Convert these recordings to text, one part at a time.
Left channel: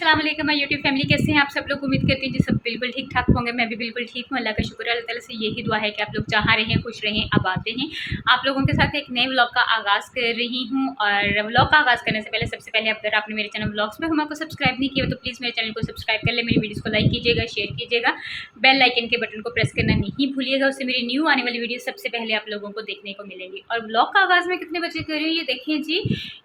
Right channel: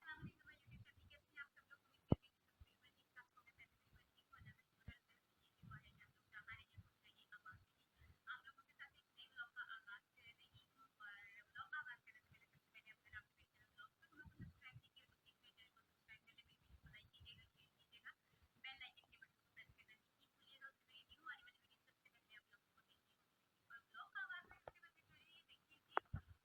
अस्सलाम वालेकुम my YouTube family, कैसे हैं आप सब लोग। उम्मीद करती हूँ जी सब बिल्कुल ठीक ठाक होंगे। मैं भी बिल्कुल ठीक हूँ। अल्लाह का शुक्र है। अल्लाह ताला से यही दुआ है कि आप लोग जहाँ रहें खुश रहें आबाद रहें। आप लोगों के साथ एक नए व्लॉग का आगाज़ कर रही हूँ और व्लॉग का आगाज़ करने से पहले सबसे पहले अगर आपने मेरे चैनल व्लॉग्स में हुमा को सब्सक्राइब नहीं किया तो प्लीज़ मेरे चैनल को सब्सक्राइब कर ले, मेरी वीडियोज़ को लाइक कीजिएगा, शेयर कीजिएगा, बेल आइकन के बटन को प्रेस करना नहीं भूलिएगा। उससे मेरी न्यू आने वाली वीडियो सबसे पहले आप लोगों को देखने को मिलेगी। और व्लॉग का आगाज़ मैं कितने बजे कर रही हूँ ये देखिए जी,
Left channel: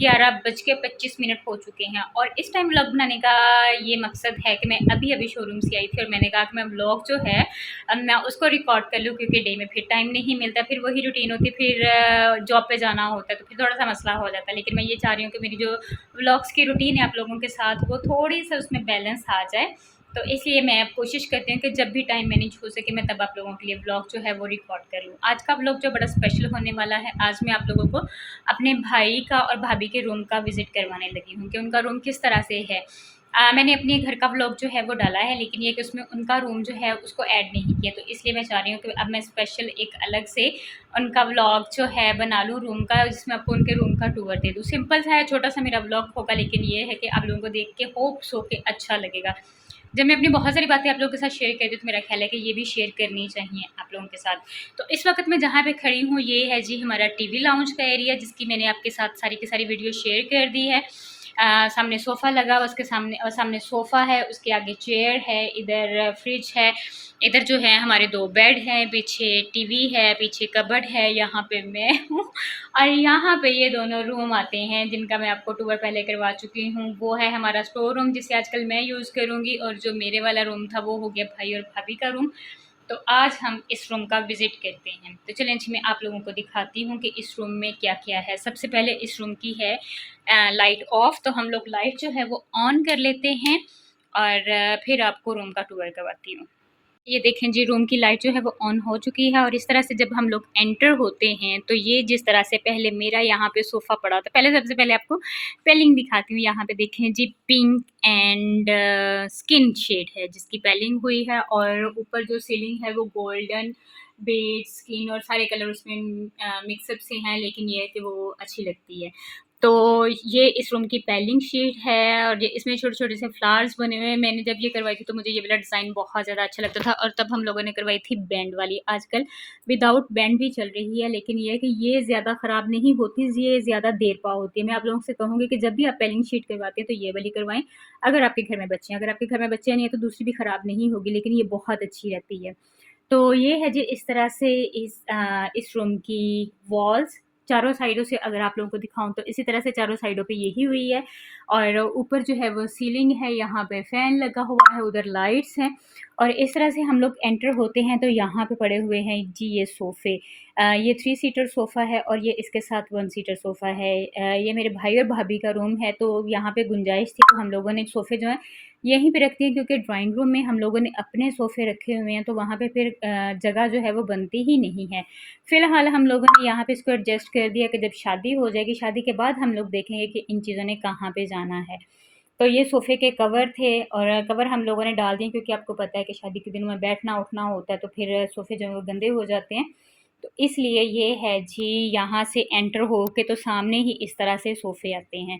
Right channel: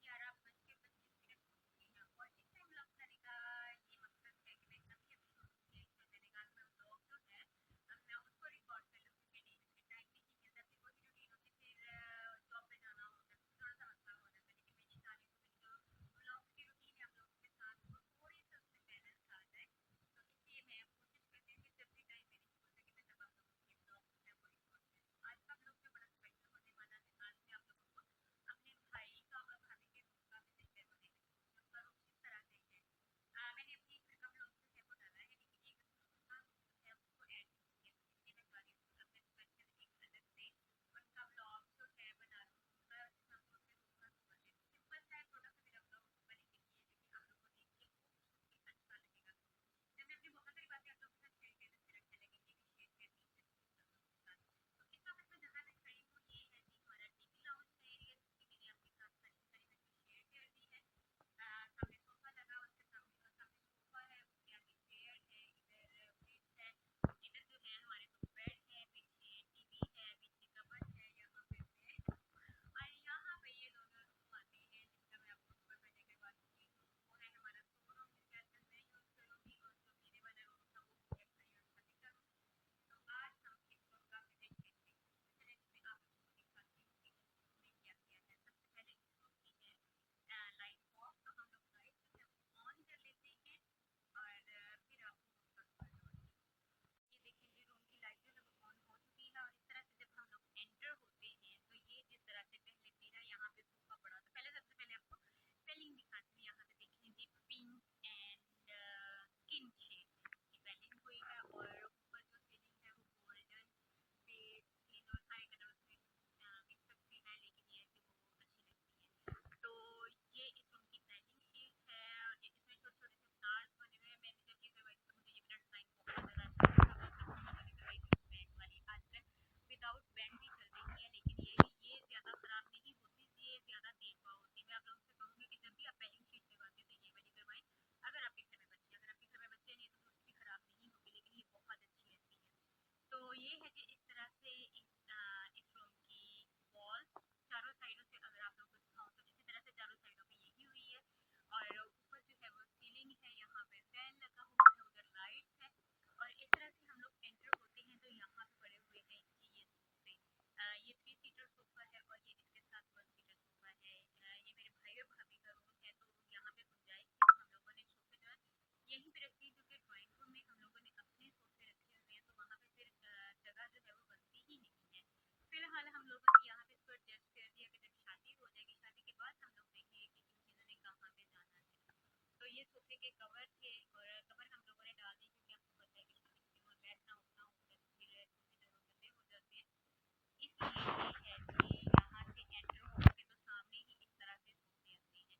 11:25 हो चुके हैं। और इस टाइम व्लॉग बनाने का ये मकसद है कि मैं अभी अभी शोरूम से आई थी और मैंने कहा कि मैं व्लॉग जो है अब मैं उसको रिकॉर्ड कर लूँ, क्योंकि डे में फिर टाइम नहीं मिलता, फिर वही रूटीन होती, फिर जॉब पे जाना होता है तो फिर थोड़ा सा मसला हो जाता है। लेकिन मैं ये चाह रही हूँ कि मेरी जो व्लॉग्स की रूटीन है आप लोगों के साथ वो थोड़ी सा उसमें बैलेंस आ जाए। तो इसलिए मैं अब कोशिश करती हूँ कि जब भी टाइम मैनेज हो सके मैं तब आप लोगों के लिए व्लॉग जो है वो रिकॉर्ड कर लूँ। आज का व्लॉग जो बड़ा स्पेशल होने वाला है, आज मैं आप लोगों को अपने भाई का और भाभी के रूम का विज़िट करवाने लगी हूँ कि उनका रूम किस तरह से है। मैंने अपने घर का व्लॉग जो है वो डाला है, लेकिन ये कि उसमें उनका रूम जो है उसको ऐड नहीं किया, तो इसलिए मैं चाह रही हूँ कि अब मैं स्पेशल एक अलग से उनका व्लॉग जो है बना लूँ रूम का, जिसमें आपको उनके रूम का टूर दे दूँ। सिंपल सा है, छोटा सा मेरा व्लॉग होगा, लेकिन ये है कि आप लोगों को देख के होप्स हो के अच्छा लगेगा। जब मैं अपनी बहुत सारी बातें आप लोगों के साथ शेयर करती हूँ तो मेरा ख्याल है कि ये भी शेयर करनी चाहिए आप लोगों के साथ। तो इस वक्त मैं जहाँ पे खड़ी हूँ ये है जी हमारा टीवी लाउंज का एरिया, जिसकी मैंने आपके साथ सारी की सारी वीडियो शेयर कर दी है। सामने सोफ़ा लगा, उसके सामने और सामने सोफ़ा है, उसके आगे चेयर है, इधर फ्रिज है, इधर जो है हमारे 2 बेड हैं, पीछे टीवी है, पीछे कबर्ड है, यहाँ पे मैं हूँ और यहाँ पे ये दोनों रूम आते हैं जिनका मैं आपको टूर पहले करवा चुकी हूँ। वो है हमारा स्टोर रूम जिसे आजकल मैं यूज़ करूँगी, और जो मेरे वाला रूम था वो हो गया भाई और भाभी का रूम। तो आज हम इस रूम का विज़िट करते हैं। तो चलें जी मैं आप लोगों को दिखाती हूँ कि इस रूम में क्या-क्या है। सबसे पहले इस रूम की है लाइट ऑफ, तो हम लोग लाइट जो है वो ऑन कर लेते हैं और फिर आपको रूम का टूर करवाती हूँ। ये देखें जी रूम की लाइट जो है वो ऑन हो चुकी है और इस तरह से जब हम लोग एंटर होते हैं तो ये जिस तरह से पहले मेरा यहाँ पे सोफ़ा पड़ा था, पहले सबसे पहले आपको पेलिंग दिखाती हूँ। यहाँ पे देखें जी पिंक एंड स्किन शेड है जिसकी पेलिंग हुई है, और ऊपर जो सीलिंग है वो गोल्डन बेज स्किन और सारे कलर उसमें मिक्सअप से हैं, लेकिन ये है कि वो अच्छी लगती है। तो ये इस रूम की पेलिंग शीट है और ये इसमें छोटे-छोटे से फ्लावर्स बने हुए हैं। मैंने जब ये करवाई थी तो मुझे ये वाला डिज़ाइन बहुत ज़्यादा अच्छा लगता था, और तब हम लोगों ने करवाई थी बैंड वाली। आजकल विदाउट बैंड भी चल रही है, लेकिन ये है कि ये ज़्यादा ख़राब नहीं होती, ये ज़्यादा देर पा होती है। मैं आप लोगों से कहूँगी कि जब भी आप पेलिंग शीट करवाते हैं तो ये वाली करवाएँ, अगर आपके घर में बच्चे हैं। अगर आपके घर में बच्चे नहीं हैं तो दूसरी भी ख़राब नहीं होगी, लेकिन ये बहुत अच्छी रहती है। तो ये है जी इस तरह से इस रूम की वॉल्स चारों साइडों से अगर आप लोगों को दिखाऊँ तो इसी तरह से चारों साइडों पे यही हुई है, और ऊपर जो है वो सीलिंग है, यहाँ पे फ़ैन लगा हुआ है, उधर लाइट्स हैं। और इस तरह से हम लोग एंटर होते हैं तो यहाँ पे पड़े हुए हैं जी ये सोफ़े। ये 3 सीटर सोफ़ा है और ये इसके साथ 1 सीटर सोफ़ा है। ये मेरे भाई और भाभी का रूम है, तो यहाँ पे गुंजाइश थी तो हम लोगों ने सोफ़े जो हैं यहीं पे रखती हैं, क्योंकि ड्राइंग रूम में हम लोगों ने अपने सोफ़े रखे हुए हैं तो वहाँ पे फिर जगह जो है वो बनती ही नहीं है। फ़िलहाल हम लोगों ने यहाँ पे इसको एडजस्ट कर दिया कि जब शादी हो जाएगी, शादी के बाद हम लोग देखेंगे कि इन चीज़ों ने कहाँ पे जाना है। तो ये सोफ़े के कवर थे और कवर हम लोगों ने डाल दिए, क्योंकि आपको पता है कि शादी के दिनों में बैठना-उठना होता है तो फिर सोफ़े जो हैं वो गंदे हो जाते हैं। तो इसलिए ये है जी, यहाँ से एंटर हो के तो सामने ही इस तरह से सोफ़े आते हैं।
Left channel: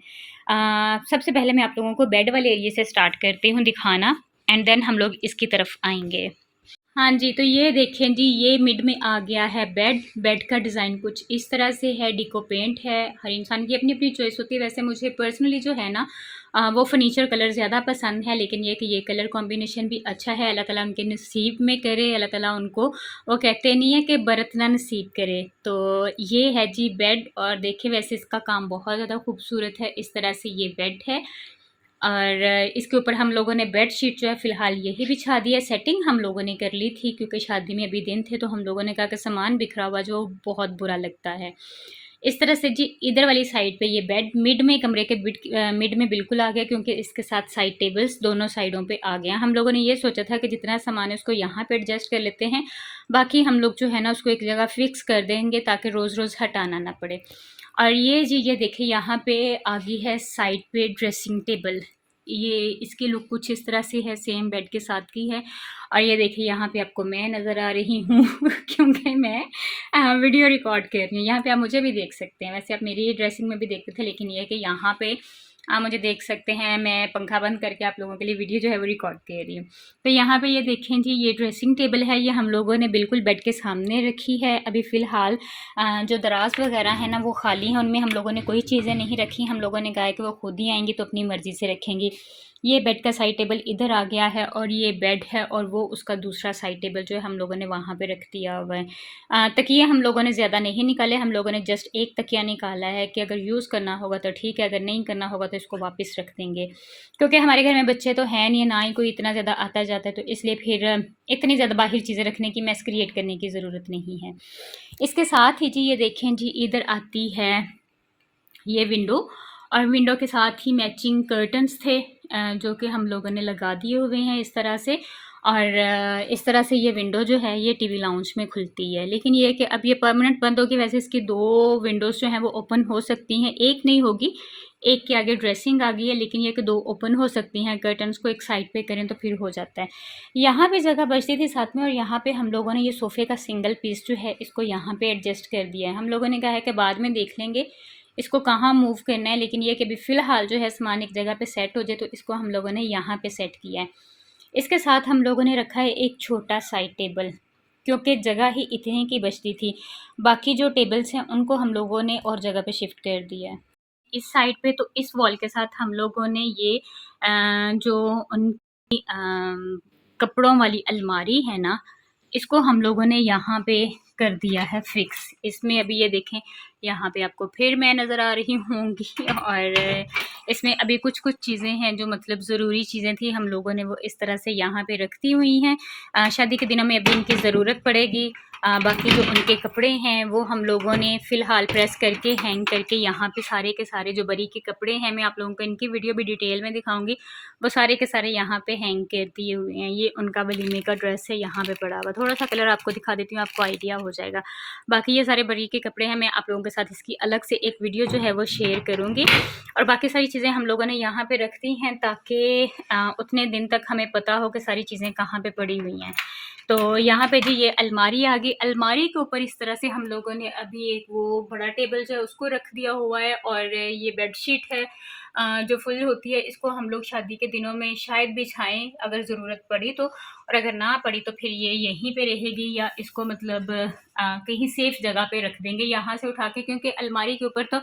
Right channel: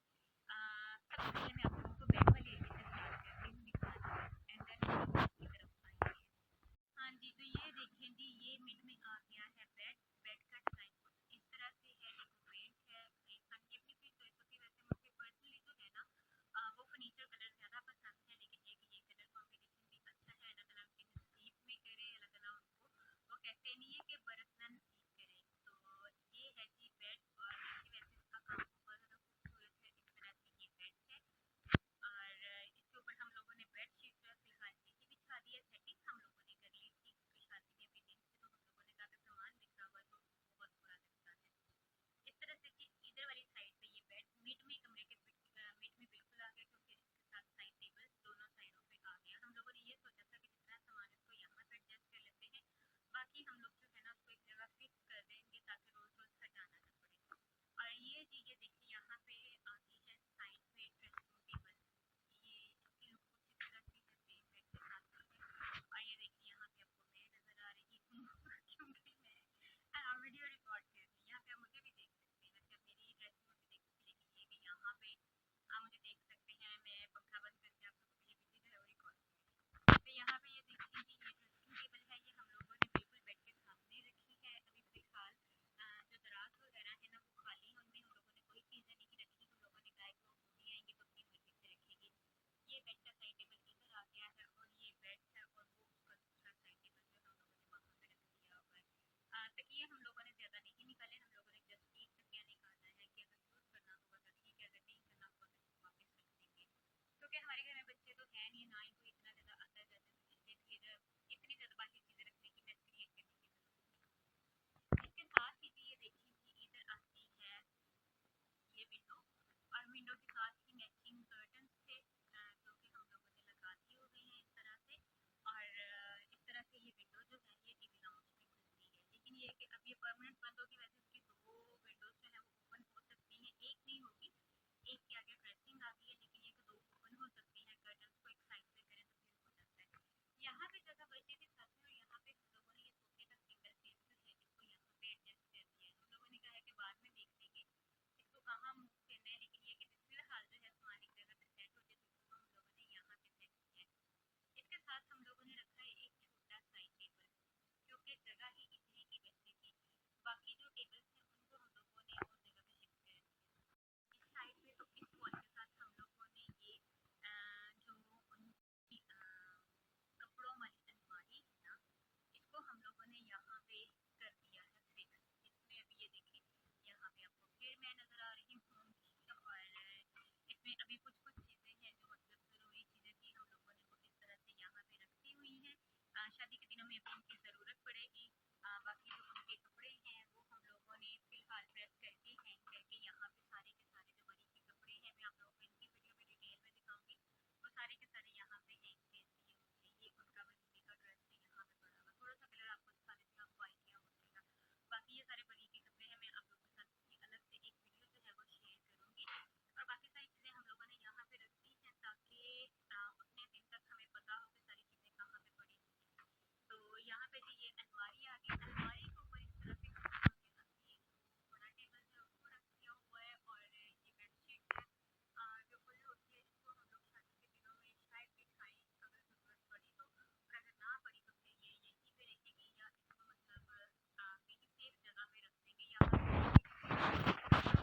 सबसे पहले मैं आप लोगों को बेड वाले एरिया से स्टार्ट करती हूँ दिखाना, एंड देन हम लोग इसकी तरफ आएँगे। हाँ जी, तो ये देखें जी, ये मिड में आ गया है बेड। बेड का डिज़ाइन कुछ इस तरह से है, डिको पेंट है। हर इंसान की अपनी-अपनी चॉइस होती है। वैसे मुझे पर्सनली जो है ना वो फर्नीचर कलर ज़्यादा पसंद है, लेकिन ये कि ये कलर कॉम्बिनेशन भी अच्छा है। अल्लाह ताला उनके नसीब में करे, अल्लाह ताला उनको वो कहते नहीं है कि बरतना नसीब करे। तो ये है जी बेड, और देखिए वैसे इसका काम बहुत ज़्यादा खूबसूरत है। इस तरह से ये बेड है और इसके ऊपर हम लोगों ने बेडशीट जो है फ़िलहाल यही बिछा दी है। सेटिंग हम लोगों ने कर ली थी क्योंकि शादी में अभी दिन थे, तो हम लोगों ने कहा कि सामान बिखरा हुआ जो बहुत बुरा लगता है। इस तरह से जी इधर वाली साइड पे ये बेड मिड में कमरे के मिड में बिल्कुल आ गया, क्योंकि इसके साथ साइड टेबल्स दोनों साइडों पे आ गया। हम लोगों ने ये सोचा था कि जितना सामान है उसको यहाँ पे एडजस्ट कर लेते हैं, बाकी हम लोग जो है ना उसको एक जगह फ़िक्स कर देंगे ताकि रोज़-रोज़ हटाना ना पड़े। और ये जी ये देखिए यहाँ पे आ गई है साइड पे ड्रेसिंग टेबल। ये इसकी लुक कुछ इस तरह से है, सेम बेड के साथ की है। और ये देखिए यहाँ पे आपको मैं नज़र आ रही हूँ क्योंकि मैं वीडियो रिकॉर्ड कर रही हूँ। यहाँ पे आप मुझे भी देख सकते हैं, वैसे आप मेरी ड्रेसिंग में भी देखते थे, लेकिन ये है कि यहाँ पे आप मुझे देख सकते हैं, मैं पंखा बंद करके आप लोगों के लिए वीडियो जो है वो रिकॉर्ड कर रही हूँ। तो यहाँ पे ये देखें जी, ये ड्रेसिंग टेबल है, ये हम लोगों ने बिल्कुल बेड के सामने रखी है। अभी फ़िलहाल जो दराज वगैरह है ना वो खाली हैं, उनमें हम लोगों ने कोई चीज़ें नहीं रखी। हम लोगों ने कहा है कि वो खुद ही आएंगी तो अपनी मर्ज़ी से रखेंगी। ये बेड का साइड टेबल इधर आ गया है और ये बेड है, और वो उसका दूसरा साइड टेबल जो है हम लोगों ने वहाँ पे रख दिया हुआ है। तकिए हम लोगों ने ज़्यादा नहीं निकाले, हम लोगों ने जस्ट एक तकिया निकाला है कि अगर यूज़ करना होगा तो ठीक है, अगर नहीं करना होगा तो इसको वापस रख देंगे। क्योंकि हमारे घर में बच्चे तो हैं नहीं, ना ही कोई इतना ज़्यादा आता जाता है, तो इसलिए फिर इतनी ज़्यादा बाहर चीज़ें रखने की, मैस क्रिएट करने की ज़रूरत नहीं है। इसके साथ ही जी ये देखें जी, इधर आती है ये विंडो, और विंडो के साथ ही मैचिंग कर्टन्स थे जो कि हम लोगों ने लगा दिए हुए हैं इस तरह से। और इस तरह से ये विंडो जो है ये टीवी लाउंज में खुलती है, लेकिन ये है कि अब ये परमानेंट बंद होगी। वैसे इसकी 2 विंडोज़ जो हैं वो ओपन हो सकती हैं, एक नहीं होगी, एक के आगे ड्रेसिंग आ गई है, लेकिन ये कि 2 ओपन हो सकती हैं। कर्टन्स को एक साइड पे करें तो फिर हो जाता है। यहाँ पे जगह बचती थी साथ में, और यहाँ पे हम लोगों ने ये सोफ़े का सिंगल पीस जो है इसको यहाँ पे एडजस्ट कर दिया है। हम लोगों ने कहा है कि बाद में देख लेंगे इसको कहाँ मूव करना है, लेकिन ये कि अभी फ़िलहाल जो है सामान एक जगह पे सेट हो जाए, तो इसको हम लोगों ने यहाँ पे सेट किया है। इसके साथ हम लोगों ने रखा है एक छोटा साइड टेबल, क्योंकि जगह ही इतनी की बचती थी। बाकी जो टेबल्स हैं उनको हम लोगों ने और जगह पे शिफ्ट कर दिया है। इस साइड पे तो इस वॉल के साथ हम लोगों ने ये जो उनकी कपड़ों वाली अलमारी है ना, इसको हम लोगों ने यहाँ पे कर दिया है फिक्स। इसमें अभी ये देखें, यहाँ पे आपको फिर मैं नज़र आ रही होंगी, और इसमें अभी कुछ कुछ चीज़ें हैं जो मतलब ज़रूरी चीज़ें थी, हम लोगों ने वो इस तरह से यहाँ पे रख दी हुई हैं। शादी के दिनों में अभी इनकी ज़रूरत पड़ेगी। बाकी जो उनके कपड़े हैं वो हम लोगों ने फ़िलहाल प्रेस करके हैंग करके यहाँ पे सारे के सारे जो बरी के कपड़े हैं, मैं आप लोगों को इनकी वीडियो भी डिटेल में दिखाऊंगी, वो सारे के सारे यहाँ पे हैंग कर दिए हुए हैं। ये उनका वलीमे का ड्रेस है, यहाँ पे पड़ा हुआ। थोड़ा सा कलर आपको दिखा देती हूँ, आपको आइडिया हो जाएगा। बाकी ये सारे बरी के कपड़े हैं, मैं आप लोगों के साथ इसकी अलग से एक वीडियो जो है वो शेयर करूँगी। और बाकी सारी चीज़ें हम लोगों ने यहाँ पे रख दी हैं, ताकि उतने दिन तक हमें पता हो कि सारी चीज़ें कहाँ पे पड़ी हुई हैं। तो यहाँ पे जी ये अलमारी आ गई। अलमारी के ऊपर इस तरह से हम लोगों ने अभी एक वो बड़ा टेबल जो है उसको रख दिया हुआ है, और ये बेडशीट है जो फुल होती है, इसको हम लोग शादी के दिनों में शायद बिछाएं अगर ज़रूरत पड़ी तो, और अगर ना पड़ी तो फिर ये यहीं पे रहेगी, या इसको मतलब कहीं सेफ जगह पे रख देंगे यहाँ से उठा के, क्योंकि अलमारी के ऊपर तो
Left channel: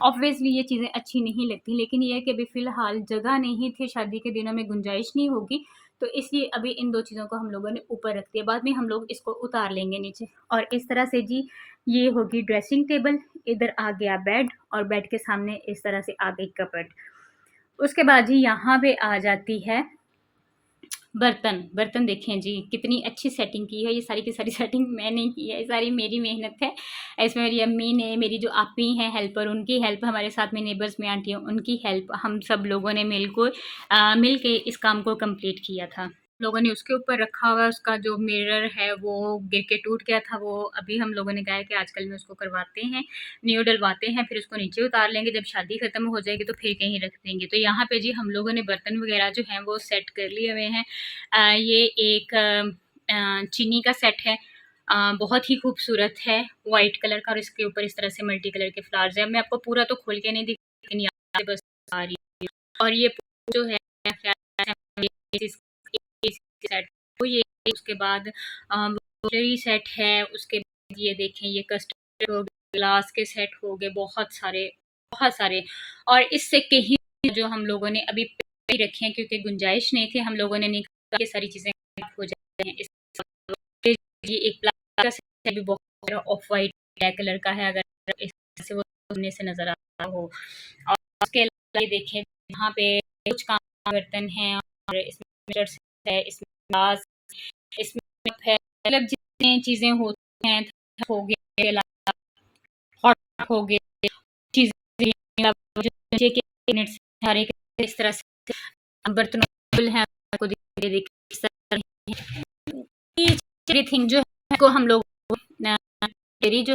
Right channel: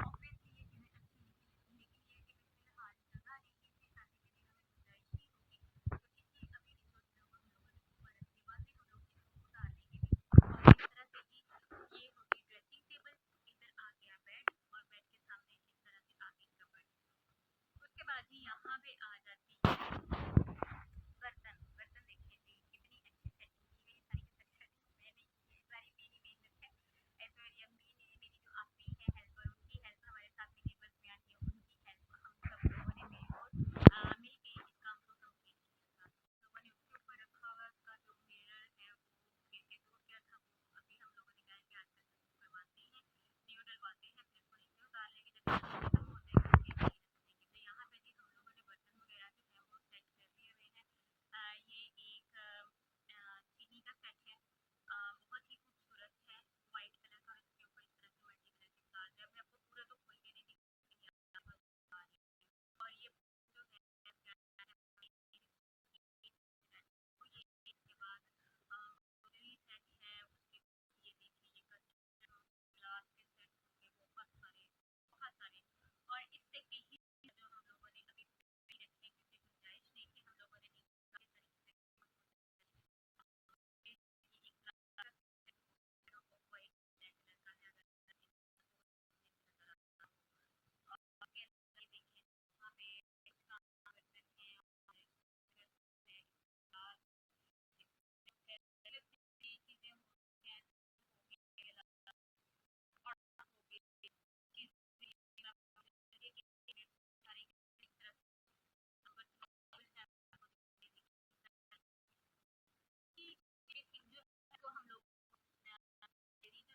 ऑब्वियसली ये चीज़ें अच्छी नहीं लगती। लेकिन ये है कि अभी फ़िलहाल जगह नहीं थी, शादी के दिनों में गुंजाइश नहीं होगी, तो इसलिए अभी इन 2 चीज़ों को हम लोगों ने ऊपर रख दिया। बाद में हम लोग इसको उतार लेंगे नीचे। और इस तरह से जी ये होगी ड्रेसिंग टेबल, इधर आ गया बेड, और बेड के सामने इस तरह से आ गई कपबोर्ड। उसके बाद जी यहाँ पे आ जाती है बर्तन। बर्तन देखें जी कितनी अच्छी सेटिंग की है, ये सारी की सारी सेटिंग मैंने की है, ये सारी मेरी मेहनत है। इसमें मेरी अम्मी ने, मेरी जो आपी हैं हेल्पर, उनकी हेल्प, हमारे साथ में नेबर्स में आंटी हैं उनकी हेल्प, हम सब लोगों ने मिल के इस काम को कंप्लीट किया था। लोगों ने उसके ऊपर रखा हुआ है, उसका जो मिरर है वो गिर के टूट गया था, वो अभी हम लोगों ने कहा है कि आजकल में उसको करवाते हैं, न्यू डलवाते हैं, फिर उसको नीचे उतार लेंगे, जब शादी खत्म हो जाएगी तो फिर कहीं रख देंगे। तो यहाँ पे जी हम लोगों ने बर्तन वगैरह जो हैं वो सेट कर लिए हुए हैं। ये एक चीनी का सेट है, बहुत ही खूबसूरत है, वाइट कलर का, और इसके ऊपर इस तरह से मल्टी कलर के फ्लावर्स हैं। मैं आपको पूरा तो खोल के नहीं दिख, लेकिन यहाँ से बस आ रही है। और ये जो है सेट, तो ये उसके बाद सेट है, उसके बाद ये देखें ये कस्टर्ड हो गए, ग्लास के सेट हो गए, बहुत सारे बहुत सारे। और इससे कहीं जो हम लोगों ने अभी रखे हैं, क्योंकि गुंजाइश नहीं थी, हम लोगों ने नहीं कहा ये सारी चीज़ें हो जाती हैं। ये एक प्लास्टिक का सेट भी बहुत ऑफ वाइट ब्लैक कलर का है, अगर इस तरह से वो सामने से नजर आता हो। और उसके अलावा ये देखें यहाँ पे कुछ काम बर्तन हैं, और इसमें है, इसमें ग्लास, इसमें है, मतलब जितनी चीज़ें होती हैं, हो गए, हॉट हो गए, चीज़ें सारे इस तरह से बर्तन हैं, आपको एवरीथिंग जो है को हम लोग तेरी जो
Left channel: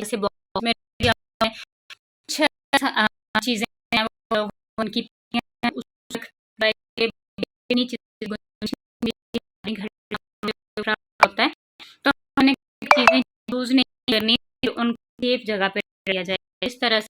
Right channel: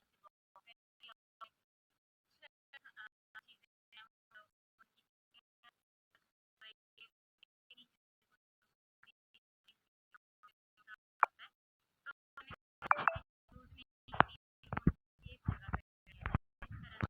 से बॉक्स में चीज़ें हैं उनकी होता है, तो हमें चीज़ें यूज़ नहीं करनी, उनको सेफ जगह पे रखा जाए। इस तरह से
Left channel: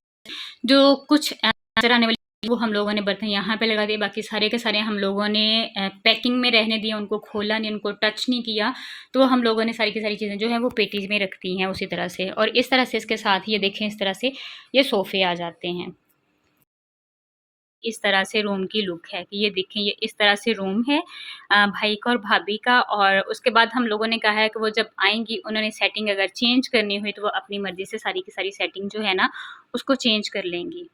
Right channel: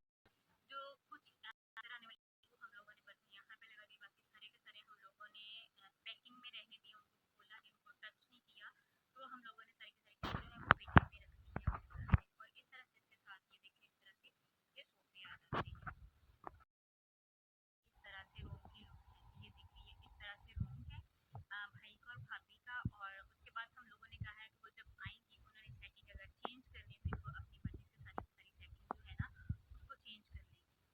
जो कुछ नजर आने वाली वो हम लोगों ने बर्तन यहाँ पे लगा दिए, बाकी सारे के सारे हम लोगों ने पैकिंग में रहने दिया, उनको खोला नहीं, उनको टच नहीं किया। तो हम लोगों ने सारी की सारी चीज़ें जो है वो पेटीज में रखती हैं उसी तरह से। और इस तरह से इसके साथ ये देखें, इस तरह से ये सोफ़े आ जाते हैं। इस तरह से रूम की लुक है कि ये देखें, ये इस तरह से रूम है भाई का और भाभी का। और उसके बाद हम लोगों ने कहा है कि वो जब आएंगी, उन्होंने सेटिंग अगर चेंज करनी हुई तो वो अपनी मर्ज़ी से सारी की सारी सेटिंग जो है ना उसको चेंज कर लेंगी।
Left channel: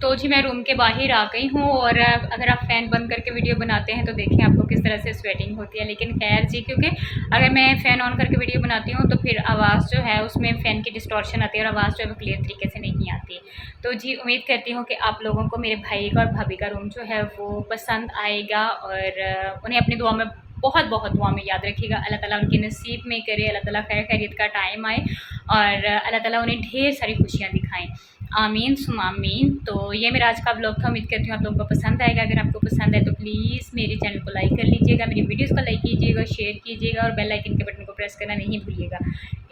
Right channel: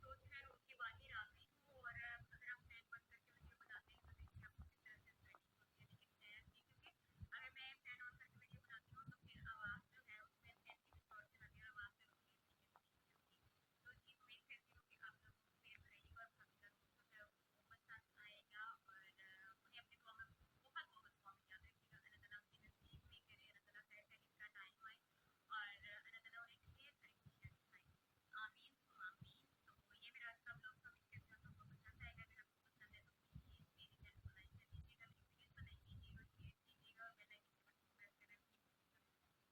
तो जी मैं रूम के बाहर आ गई हूँ। और अगर आप फ़ैन बंद करके वीडियो बनाते हैं तो देखिए आपको किस तरह से स्वेटिंग होती है। लेकिन खैर जी, क्योंकि अगर मैं फ़ैन ऑन करके वीडियो बनाती हूँ तो फिर आवाज़ जो है उसमें फ़ैन की डिस्टॉर्शन आती है और आवाज़ जो है वो क्लियर तरीके से नहीं आती। तो जी उम्मीद करती हूँ कि आप लोगों को मेरे भाई का और भाभी का रूम जो है वो पसंद आएगा। और उन्हें अपनी दुआ में बहुत बहुत दुआ में याद रखिएगा। अल्लाह ताला उनके नसीब में करे, अल्लाह ताला खैर खैरियत का टाइम आए और अल्लाह ताला उन्हें ढेर सारी खुशियाँ दिखाएँ। आमीन सुम आमीन। तो ये मेरा आज का व्लॉग था। उम्मीद करती हूँ आप लोगों को पसंद आएगा। अगर आपको पसंद है तो प्लीज़ मेरे चैनल को लाइक कर लीजिएगा, मेरी वीडियोस को लाइक कीजिएगा, शेयर कीजिएगा और बेल आइकन के बटन को प्रेस करना नहीं भूलिएगा।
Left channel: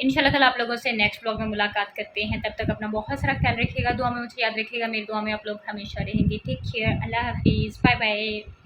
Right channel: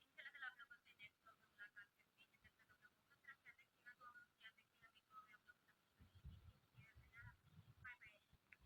इंशाल्लाह ताला आप लोगों से नेक्स्ट व्लॉग में मुलाकात करते हैं। तब तक अपना बहुत सारा ख्याल रखिएगा, दुआ में मुझे याद रखिएगा, मेरी दुआ में आप लोग हमेशा रहेंगे। टेक केयर, अल्लाह हाफिज़, बाय बाय।